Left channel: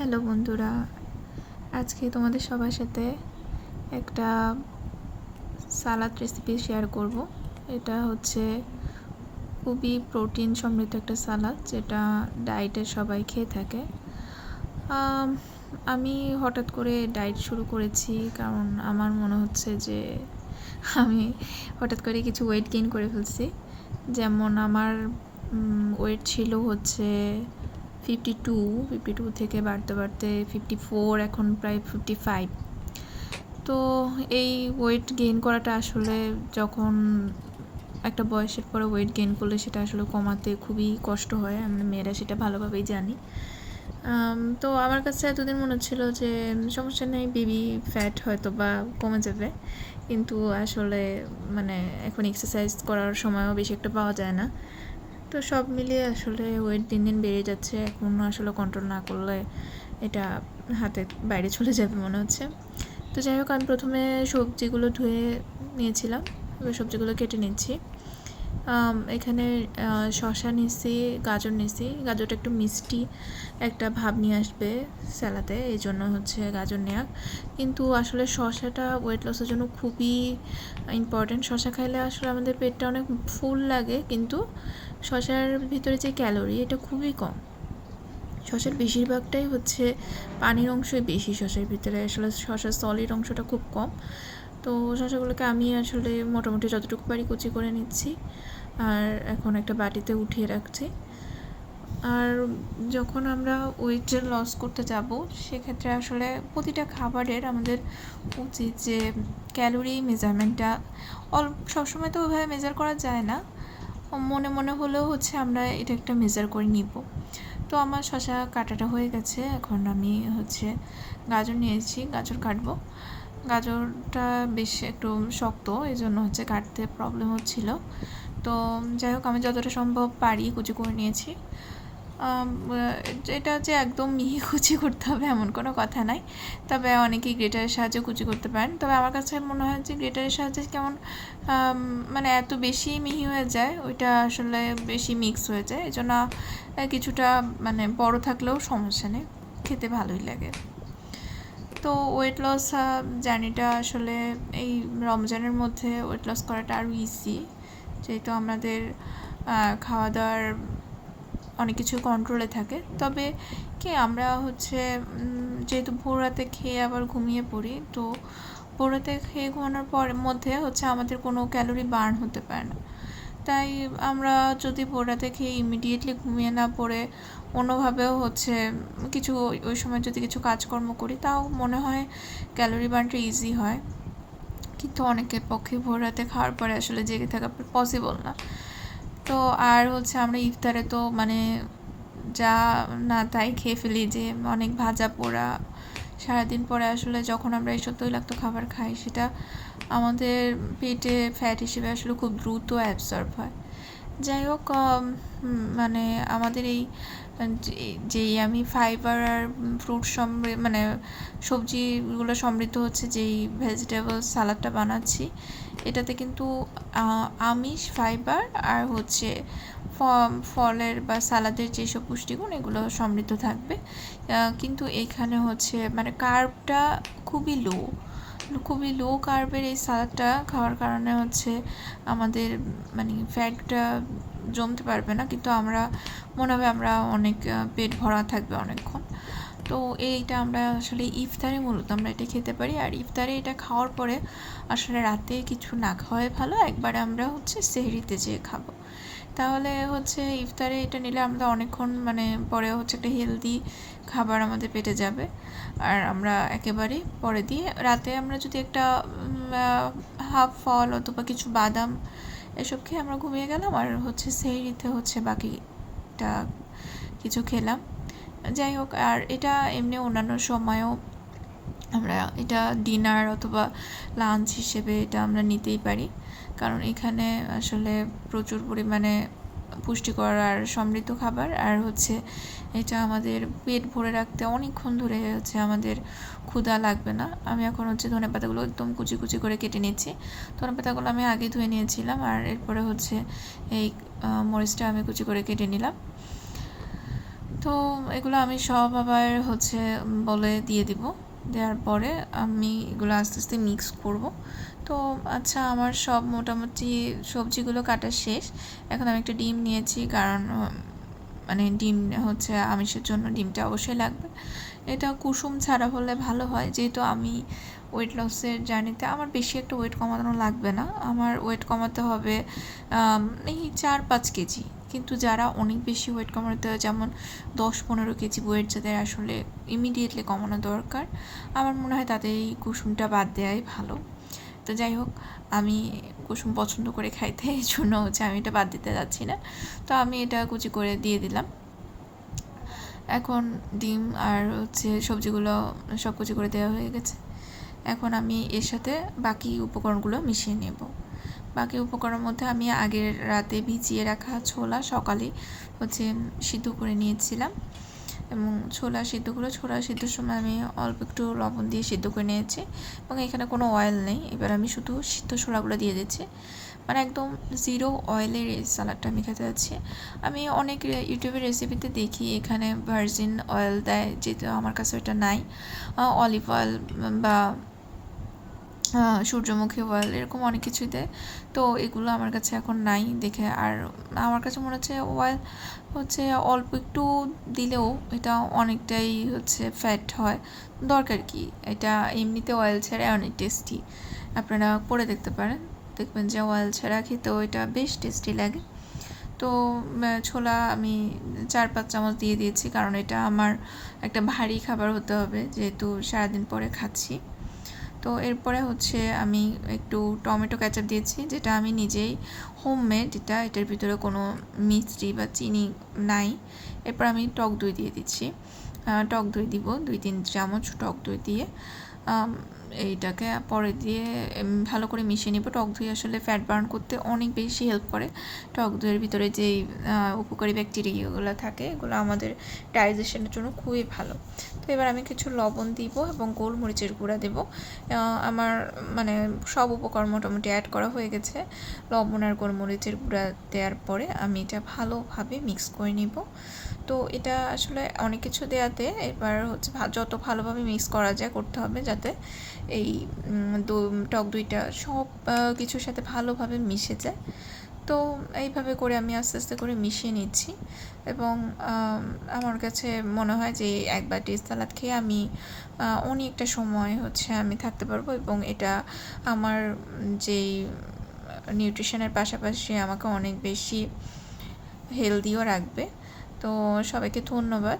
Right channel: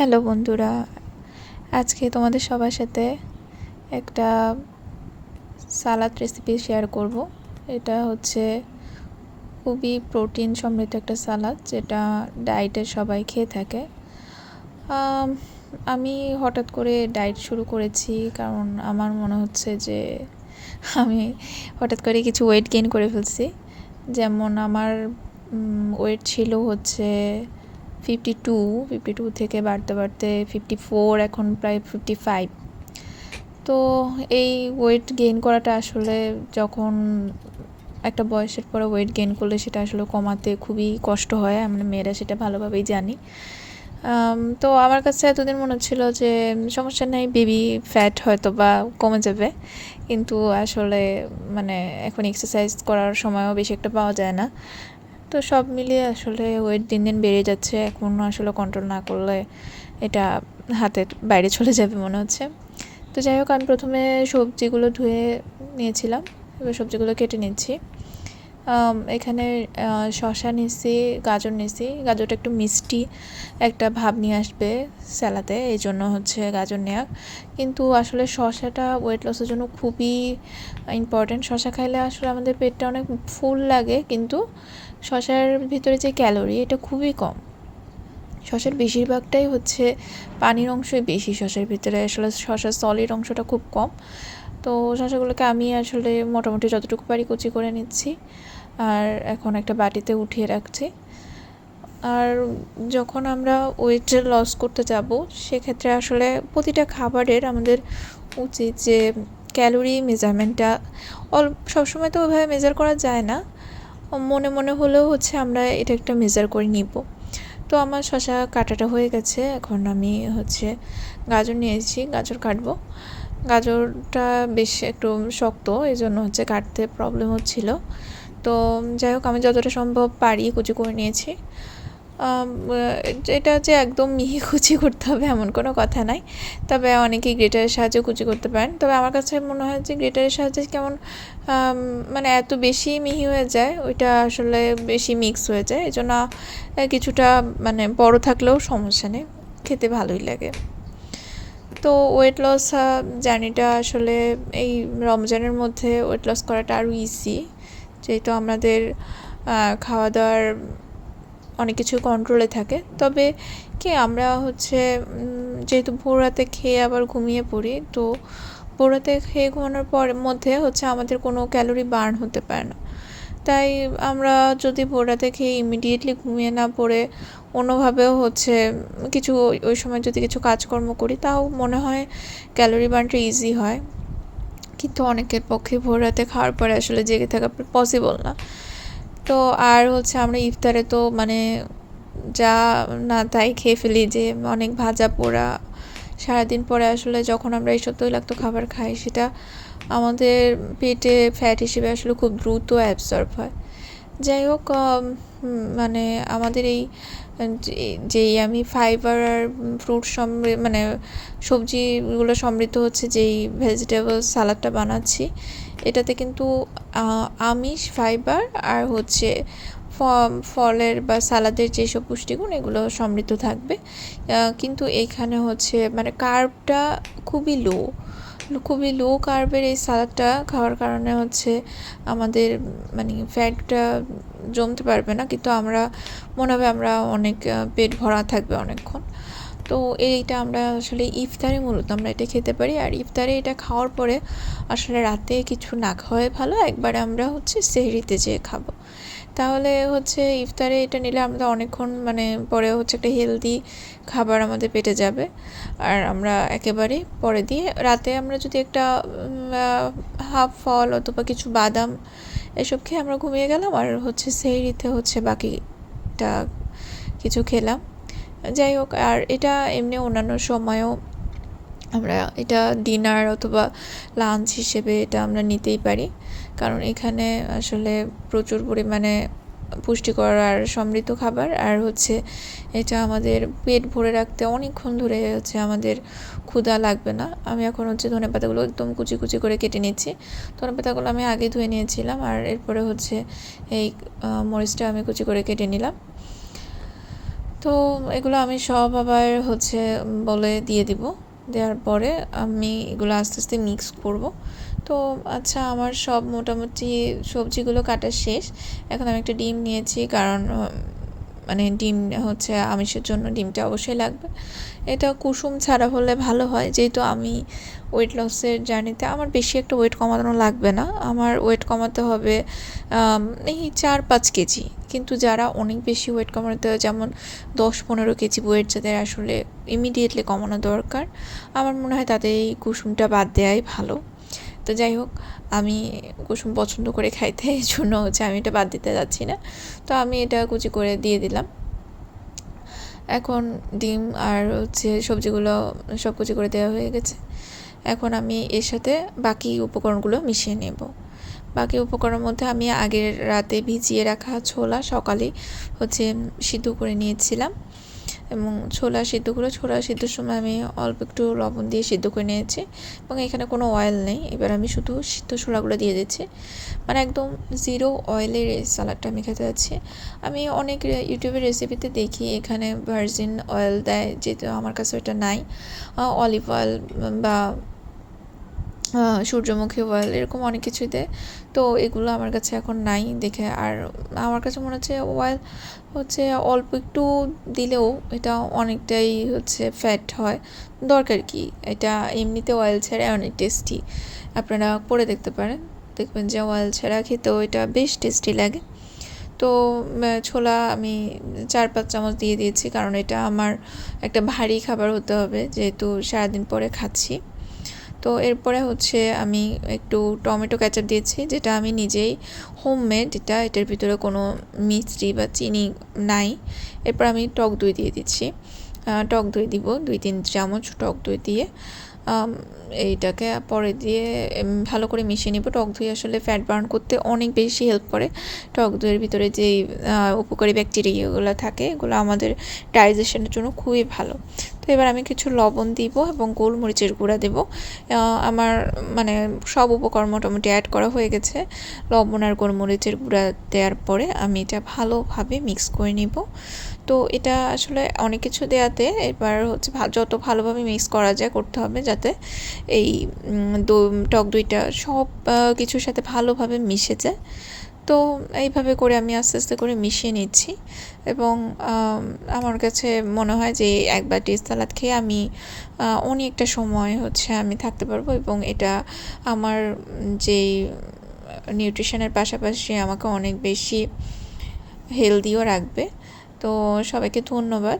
Hello বন্ধুরা, আজকে তোমাদের সবার সাথে একটা সালাদ রেসিপি শেয়ার করব। এটা হচ্ছে খুবই প্রোটিন সমৃদ্ধ একটা সালাদ, যেটা ডায়েটে সবাই খেয়ে থাকে। আম, আমি হঠাৎ করে ডায়েট শুরু করেছি কারণ আমার মনে হচ্ছে যে আমি হঠাৎ করে কিছু ওয়েট গেইন করে ফেলছি। যেমন আমার ওয়েট ছিল হচ্ছে 52 থেকে বাড়তে বাড়তে 54, এখন প্রায় 55। তো এই ওয়েট গেইন করাটা আসলে যখন একটা বয়সের পরে ওয়েট গেইন করলে সেটা আসলে কমাতে খুবই কষ্ট হয়, আমরা মেয়েরা সেটা ভালোভাবেই জানি। তো আমার কাছে এতদিন মনে হচ্ছিল যে সমস্যা নেই, বেবি ফ্যাট হয়তো বা কমে যাবে, কিন্তু আসলে মানে এখন এক্সারসাইজ করার সময়ও বেশি একটা পাওয়া যায় না। তো সব মিলিয়ে আসলে ওয়েট দিন দিন বেড়ে যাচ্ছে। এখন আসলে কন্ট্রোল না করলে এটা হাতের বাইরে চলে যাবে মনে হচ্ছে। তো যাই হোক, আমি প্রথমে সবজিগুলো ধুয়ে নিয়েছিলাম, এবার সবজিগুলো কেটে নিচ্ছি। এখানে শসা নিয়েছি, গাজর নিয়েছি। গাজরটা একটু মিষ্টি একটা ভাব নিয়ে আসবে স্যালাডে, এই জন্য হচ্ছে গাজর নেওয়া। কিন্তু আসলে শসাটা ওয়েট লসের জন্য খুবই ইম্পর্ট্যান্ট। শসা খাইলে আসলে আমাদের পেটটা অনেক ফুল লাগে, কিন্তু শসার ভিতরে যে ক্যালোরি এটা খুবই কম। শসার বেশিরভাগটাই হচ্ছে পানির অংশই বেশি, শসার ভিতরে আসলে শসার সলিড অংশটা খুব কম। তো শসাগুলোকে আমি আসলে মোটামুটি যতটুকু পারি কুচি করে নিচ্ছি, আর এখন একটা বাটিতে উঠিয়ে রাখছি। আর যখন আমরা ওয়েট লস করতে যাব, সেক্ষেত্রে আসলে প্রতিটা খাবারের আমাদের উচিত যে ক্যালোরি মেজারমেন্টটা সবসময় তো ওইভাবে মেজার করা যায় না, মনে মনে হলেও হচ্ছে আমরা এটা একটা মেজার করে নিব। তো আমার শসা কাটাটা হয়ে গেছে, এখন আমি হচ্ছে গাজর নিয়েছি, গাজর কাটবো। গাজরটা বেশ একটু শক্ত, এই জন্য হচ্ছে কাটতে প্রবলেম হচ্ছিল। তো যাই হোক, আমি যতটা সম্ভব পারি কুচি করে নিয়েছি। এটা যে একদম মিহি কুচি করতে হবে এমন কোনো কথা নাই, তবে অনেকেই গ্রেটারের সাহায্যে কুচি করতে পারেন। তবে আমার কাছে মনে হয় যে গ্রেটারের সাহায্যে কেমন মানে এত বেশি মিহি হয়ে যায়, ওইটা আসলে বেশি মিক্স হয়ে যায়, এই জন্য কিছুটা মানে বড় থাকলেও সমস্যা নেই, খেতে ভালোই লাগে। তো ওয়েট লস জার্নিটা আসলে এই রমজানের মধ্যে ওয়েট লস করাটা আরও ইজি, যেহেতু আমাদের খাওয়া দাওয়ার অনেক কিছু কন্ট্রোলে থাকে। তবে কি আমরা হচ্ছে যেহেতু ভোর রাতে খেয়ে আবার ঘুমিয়ে পড়ি, তো ভোর রাতে খেয়ে ঘুমানোর মধ্যে হচ্ছে আমাদের কোনো ক্যালোরি বার্ন হতে পারে না। তাই আমরা যদি ভোর রাতে খেয়ে ইমিডিয়েটলি ঘুমিয়ে না পড়ে অন্যভাবেও হচ্ছে কিছু ওই সময় যদি কিছু কাজকর্ম করি, তাও মনে হয় ক্যালোরি বার্নটা ইজি হয়। কিন্তু অনেকের পক্ষে ভোর রাতে খাওয়ার পরে আসলে জেগে থাকা পসিবল না। তো আর হচ্ছে আমরা ইফতারে তো মানে যা না তাই খেয়ে ফেলি, যে অনেক ভাজা পোড়া। সারাদিন পরে আসলে যখন আমরা এইসব তৈলাক্ত খাবার খাই, সেটা আমাদের পেটে ফ্যাট হিসেবে আসলে খুব দ্রুত অ্যাবসর্ব হয়। যাই হোক, মানে আমাদের এই যেই আমি ফাইবার আর ফ্রুট মানে সবজিগুলো সমৃদ্ধ হচ্ছে যেই ভেজিটেবল সালাডটা বানাচ্ছি, এটাতে কিন্তু আমিষ, ফাইবার আর হচ্ছে ফলের বা সালাদের যেসব পুষ্টিগুণ এগুলো সমৃদ্ধ থাকবে। কিন্তু এইখানে হচ্ছে মানে কার্বটা খুবই লো কার্বের এই সালাডটা খাওয়ার কারণে হচ্ছে আমাদের মানে ফ্যাটটা জমতে পারবে না, কিন্তু আমরা মনে হবে আমরা অনেক পেট ভরা থাকবে অনেকক্ষণ। তো এইটা আমরা আসলে ইফতারে মূলত আমরা এটা খেতে পারি, আর ইফতারে এটা খাওয়ার পরে আসলে রাতে কিছু না খাওয়াই ভালো, একবারে আমরা হচ্ছে সেহরিতে যেয়ে খাবো। তাহলে হচ্ছে ইফতারে এটা নিলে আমরা অনেকক্ষণ মানে পরে হচ্ছে একটা হেলদি খাবার আমাদের পেটে যাবে। আর আমরা একেবারে পরে দিয়ে রাতে আমরা যদি একটা হাফ ফল অথবা কিছু বাদাম এসব খেয়ে আমরা ঘুমিয়ে গেলাম, আর হচ্ছে সেহরিতে হচ্ছে বাকিটা কিছু খেলাম। যাই হোক, আর এটা এমনি অন্যান্য সময়ও আমরা এটা ডিনার অথবা লাঞ্চ হিসেবে এটা আমরা নিতেই পারি, কারণ এখানে আসলে প্রচুর পরিমাণে পুষ্টিকর আর সমৃদ্ধ খাবার। আর হচ্ছে এটা আমাদের পেট ভরে রাখতে অনেকক্ষণ ধরে হচ্ছে আমাদের ক্ষুধা লাগবে না। আমি এখন হচ্ছে ধনেপাতাগুলো একদম কুচি কুচি করে কেটে নিচ্ছি। ধনেপাতাগুলো আমি আগে ধুয়ে নিয়েছিলাম, আর এরপরে হচ্ছে এই মরিচটা আমি কুচি করে কেটে নিলাম। তো এগুলো আমি সব আবার হচ্ছে বলে দিয়ে দিব। দেওয়ার পরে আমি এগুলো আস্তে আস্তে মিক্স করব। তো আচ্ছা, আমার সব মোটামুটি সবজিগুলো কাটা শেষ। এখন আমি একটা ডিম নিয়েছি, কারণ মানে ডিম হচ্ছে আমিষের জন্য ডিমটা অবশ্যই লাগবে। এটা কুসুম ছাড়া হলে ভালো হয়, যেহেতু আমি ওয়েট লসের জার্নিতে আমার বেশি একটা ওয়েট কমানো লাগবে না। আমার ওয়েট কমাতে হবে এই 4-5 কেজি। কিন্তু যারা অনেক বেশি ওয়েট কমাতে হয়, যেমন 10-15 কেজি ওয়েট যাদের আসলে ইমিডিয়েটলি কমানো দরকার, আমার মনে হয় তাদের এই কুসুমটা বাদ দেওয়াই ভালো। তো যাই হোক, আমি কুসুম পছন্দ করে খাইতে, এই জন্য হচ্ছে আমি এটা বাদ দিতে যাচ্ছি না। তো আমি এটা কুচি করে দিয়ে দিলাম। এখন ডিম আর হচ্ছে সবজিগুলো সব কুচি করে দেওয়া হয়ে গেছে। এখন আমি এর সাথে বাকি উপকরণগুলো মিশিয়ে নেব। বাকি উপকরণের মধ্যে আমি আগের রাতে ভিজিয়ে রাখা ছোলা সকালে হচ্ছে সিদ্ধ করে নিয়েছিলাম, এবং ছোলা সিদ্ধর সময় আমি অল্প একটু লবণ দিয়ে সিদ্ধ করে নিয়েছি, এবং এখানে কোনো অয়েল নেই। এবার আমি শুধু সিদ্ধ ছোলাগুলো দিয়ে দিচ্ছি, মানে একদম জিরো অয়েলের এই সালাডটা আমি খেতে যাচ্ছি। আমি অনেক ইউটিউবের রেসিপিতে দেখি এখানে ভার্জিন অয়েল দেয়, যেহেতু আমার কাছে এটা নাই। অলিভ অয়েল বা সূর্যমুখী অয়েল এরকম অনেক কিছু দেয়, তো এগুলো আমার কাছে এখন নাই দেখে। আর আমার কাছে মনে হচ্ছে অয়েল হচ্ছে অল্প একটু দিলেও এটা অনেকটাই হচ্ছে ফ্যাট হয়, দরকার কি? এটা এমনিতে অয়েল ছাড়া অনেক টেস্টি। আপনারা করে দেখতে পারেন, দেখবেন যে অয়েল ছাড়া খেতেও এটা বেশ টেস্টি লাগে। তো ছোলা আমি 4-5 চামচ দিয়ে দিয়েছি, কারণ এটা আমার একটা ভারী খাবার হতে হবে, যেহেতু সারাদিন পরে খাচ্ছি। তো এরপরে হচ্ছে আমি একটু টমেটো কেচাপ দিয়েছি, যেটা আমি নিজেই হোমমেড, এটার ভিতরে কোনো মিষ্টি বা চিনি নাই। এরপর আমি টক দই দিয়ে দিচ্ছি। টক দই দিব 2-3 চামচ টক দই দিয়ে এইটাকে পরে দিয়ে ভালো করে মিশিয়ে নেব। টক দই আসলে ফ্যাট বার্ন করতে অনেক বেশি হেল্প করে। টক দইয়ের ভিতরে যেই উপকারী ব্যাকটেরিয়াগুলো থাকে, এগুলো আমাদের ডাইজেশনের জন্য খুবই ভালো। তো এবার আমি কিছু লবণ দিব এবং গোলমরিচের গুঁড়া দেব। আমার মানে সব উপকরণ মোটামুটি অ্যাড করা হয়ে গেছে। লবণ আর গোলমরিচের গুঁড়া দেওয়ার পরে আমি এটা ভালোভাবে মিক্স করে নিব। তো এটা আসলে অনেক কিছু দেওয়াতে এবার হচ্ছে যত ভালোভাবে মিক্স করা যায় করতে হবে, যাতে এই টক দইটা সব কিছুর সাথে ভালোভাবে মিশে যায়। তো এইভাবে করে আমি আস্তে আস্তে করে মিশিয়ে নিচ্ছি, এবং আমার কাছে মনে হয় যে এক বাটি সালাদ খেয়ে আমি অনেকটা সময় হচ্ছে আমি থাকতে পারবো, এবং এটা আমার যেই নিউট্রিশনের পাশাপাশি আমাকে অনেক বেশি হেলদিও রাখবে। তো সবাইকে ধন্যবাদ।